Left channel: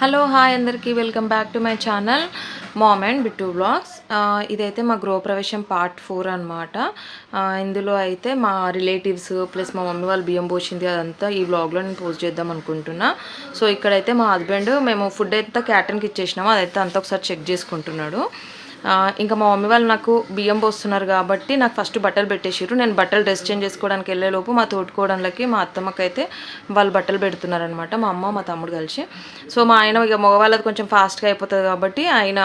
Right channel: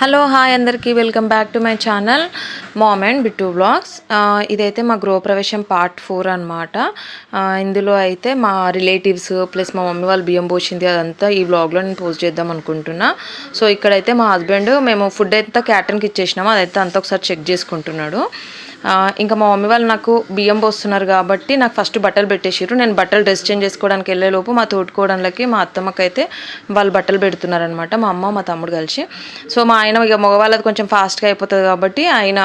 Hello hi అందరికీ welcome back to my channel mom and Bittu vlogs. ఇదైతే మా గృహప్రవేశం పార్ట్ 4 అనమాట. ఇందులో అయితే మా రిలేటివ్స్ ప్లస్ మా మమ్మీ వాళ్ళు బియ్యం పోసింది అదంతా ఈ వ్లాగ్లో నేను పోస్ట్ చేద్దాం అనుకుంటున్నా. సో ఇక్కడైతే మా హస్బెండ్ మేము ఫుడ్ అయితే క్యాటరింగ్కి ఇచ్చేసినాము, అదైతే అంతా ఒకసారి చెక్ చేసుకుంటున్నాడు. ఇంకా మా మమ్మీ వాళ్ళు నాకు బియ్యం పోస్తున్నారు కాబట్టి నాకు ఫస్ట్ బట్టలు పెట్టేసారు. నేను బట్టలు డ్రెస్ చేంజ్ చేసుకోవడానికి వెళ్ళేలోపు మా తోడుకోవడానికి మా అత్తమ్మకైతే వాళ్ళు బట్టలు పెడుతున్నారనమాట, మా అమ్మ మా తమ్ముడు కలిసి. సో మా ఆయన ఇక మగవాళ్ళది కొంచెం ఫాస్ట్గా అయిపోతుంది కాబట్టి ఆయన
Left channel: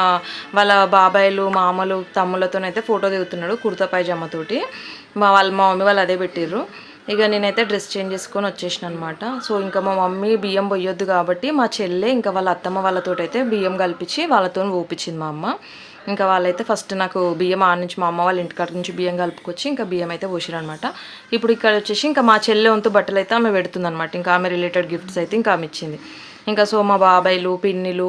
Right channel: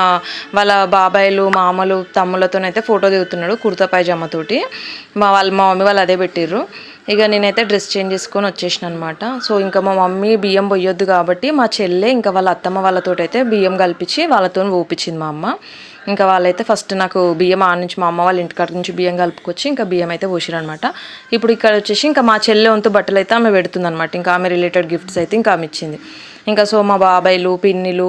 వాళ్ళ బాబాయిలు మామలు తమ్ముళ్ళతోనైతే ఫోటో దిగుతున్నాడు కుర్తా పైజామాతోటి. మా మమ్మీ వాళ్ళు అదే పెట్టిర్రు. ఇక నేనైతే డ్రెస్ చేంజ్ చేసుకొని వచ్చేసిన అనమాట. సో ఇంకా మా మమ్మీ బియ్యం పొయ్యొద్దు కాబట్టి మా చెల్లె ఇంకా వాళ్ళ అత్తమ్మ వాళ్ళతోటి అయితే బియ్యం కలిపించి వాళ్ళతో ఊపించింది మా అమ్మ. ఇంకా వాళ్ళైతే ఫస్ట్ నాకు బియ్యం నుంచి మా అమ్మ వాళ్ళ ఇంటికాడ నుంచి బియ్యం కలుపుకొచ్చి ఇంకా బియ్యం అయితే పోసిరనమాట. ఇప్పుడు ఇక్కడ వచ్చేసి ఇంకా మా చెల్లె వంతు బట్టలు అయితే ఆమె పెడుతుంది అనమాట. ఇంకా ఆమె రిలేటెడ్ గిఫ్ట్స్ అయితే ఇంకా ఆమె ఇచ్చింది. ఇంకా సో మా బాబాయిలు పిన్నిలు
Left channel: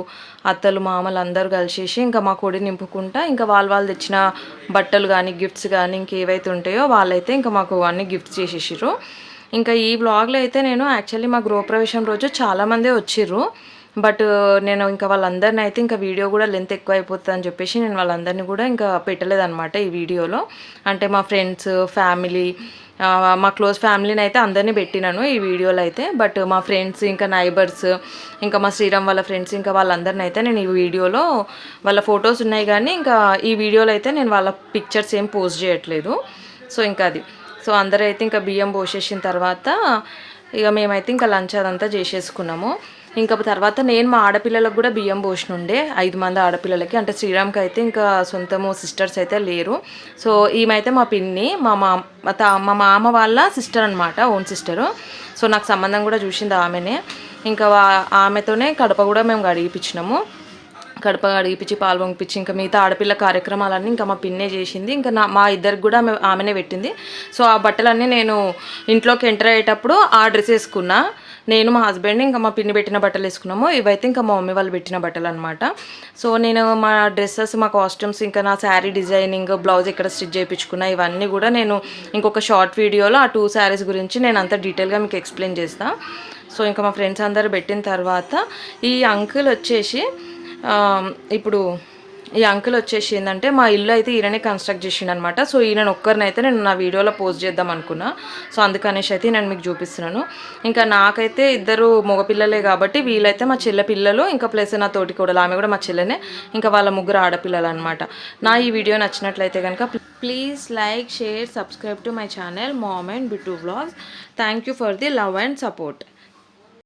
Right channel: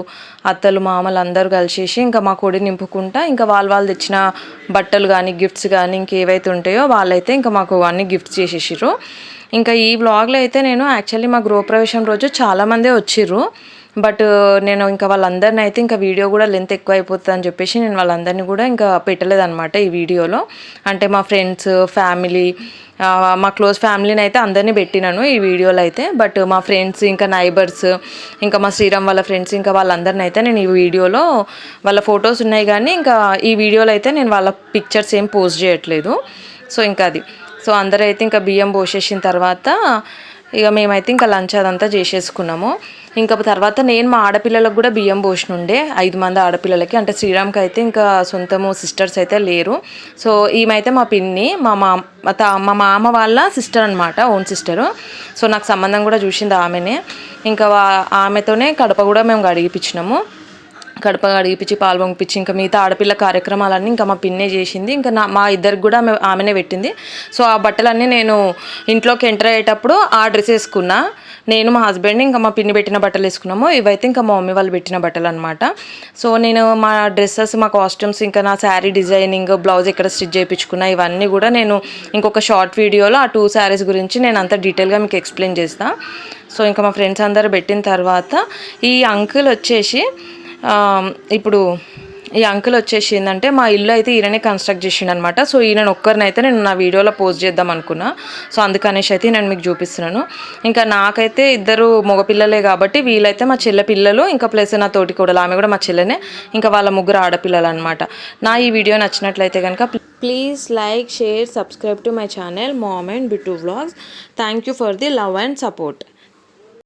అత్తలు మామలు అందరూ కలిసేసి ఇంకా మా కొడి నింపుకుంటా ఇంకా వాళ్ళు తెచ్చిన బట్టలు కానీ గిఫ్ట్స్ కానీ ఇంకేవైతే ఉంటాయో వాళ్ళైతే ఇంకా మాకు అన్ని గిఫ్ట్స్ చేసేసారు. ఇంకా ఈ వ్లాగ్లో అయితే నేను యాక్చువల్లీ మా గృహప్రవేశం రోజు చాలామందే వచ్చిర్రు. బట్ నేను ఇంకా వాళ్ళందరినీ అయితే ఇంకా వీడియో కూడా లెంత్ ఎక్కువ అయిపోతుంది అని చెప్పేసి నేను వాళ్ళందరినీ కూడా ఇంకా పెట్టలేదన్నమాట ఈ వీడియోలో. అంటే మా ఫ్రెండ్స్ ఫ్యామిలీ మా క్లోజ్ ఫ్యామిలీని అయితే అందరినీ పెట్టినాను ఈ వీడియోలో అయితే. బట్ మా ఫ్రెండ్స్ ఇంకా నైబర్స్ ఇంకా మా శ్రీరామ్ వాళ్ళ ఫ్రెండ్స్ ఇంకా వాళ్ళందరినీ అయితే నేను ఈ వీడియోలో వాళ్ళ ఫొటోస్ ఉన్నాయి కానీ ఇంకా ఈ వీడియోలో అయితే నేను వాళ్ళ పిక్చర్స్ ఏం పోస్ట్ చేయట్లేదు. సో ఇంకా అది సో అందరూ అయితే ఇంకా బియ్యం పోసేసిన తర్వాత ఇక మేమైతే ఇంకా లంచ్ అదంతా చేసేసుకున్నాము. ఇంకా తర్వాత నేను మా ఆడపిల్లలకు కూడా బియ్యం పోసినుండే 5 మంది ఆడపిల్లలకి. అంటే శ్రీరామ్కి అయితే ఇంకా సొంతము సిస్టర్స్ అయితే లేరు. సో ఈమెయితే మా పిన్ని మా మామ వాళ్ళ సిస్టర్ అనమాట, ఓన్ సిస్టరు. సో నాకు సంబంధం కూడా చూసింది ఆమెనే. ఇంకా ఆమెతోనే కడప కూడా మేము గడిగిపించినాము. కడప అడిగిపించి పాలు పొంగిపించి ఇంకా మిగతా ఆడపిల్ల కార్యక్రమాలన్నీ ఇంకా మా పిన్నే చేసింది. ఇంకా మా ఇద్దరికి కూడా ఆమెనే పెట్టింది. సో ఆ బట్టలన్నీ నేను ఇంట్లోకి ఎంటర్ అయ్యేటప్పుడు ఆ డ్రెస్ వేసుకున్నా. నేను మా హస్బెండ్ ఇంకా మా పిన్ని పెట్టిన బట్టలు వేసుకున్నాము. ఇవైతే ఇంకా మా మమ్మీ వాళ్ళు పెట్టిన బట్టలు అనమాట. సో నేను మా డ్రెస్సెస్ మా కాస్ట్యూమ్స్ ఇంకా నా శారీ డిజైనింగ్ బ్లౌజ్ ఎక్కడ స్టిచ్ చేయించుకున్నా ఇవన్నీ కూడా నేను ఇంకొక షార్ట్ వీడియోలో ఆ 2 శారీస్ గురించి నేను అంత డీటెయిల్గా మీకు ఎక్స్ప్లెయిన్ చేస్తాను. సో ఇంకా మా ఫ్రెండ్స్ అందరూ పెట్టిన తర్వాత ఈ అంకుల్ వచ్చేసి ఇప్పుడు ఈ అంకుల్ వచ్చేసి ఏంటంటే మా ఇల్లు అయితే ఈయననే కన్స్ట్రక్ట్ చేసిండు అనమాట. సో ఈయన ఒక్కరినైతే నేను నా వీడియోలో పోస్ట్ చేద్దాం అనుకున్నా. సో అందుకనేసి అయితే నేను మీకు చూపిస్తున్నాను. ఇంకా నాకైతే 2 మగపిల్లలే కాబట్టి వీళ్ళైతే మా చెల్లె పిల్లలు ఇంకా ప్లస్ నా తోటి కూడా ఆమె కూడా మా చెల్లెనే. ఇంకా వాళ్ళ 3 ఆడపిల్లలు అనమాట. నా ఈ వీడియో నచ్చినట్లయితే కనుక please like share subscribe to my channel mom and Bittu vlogs. Thank you for the love and support.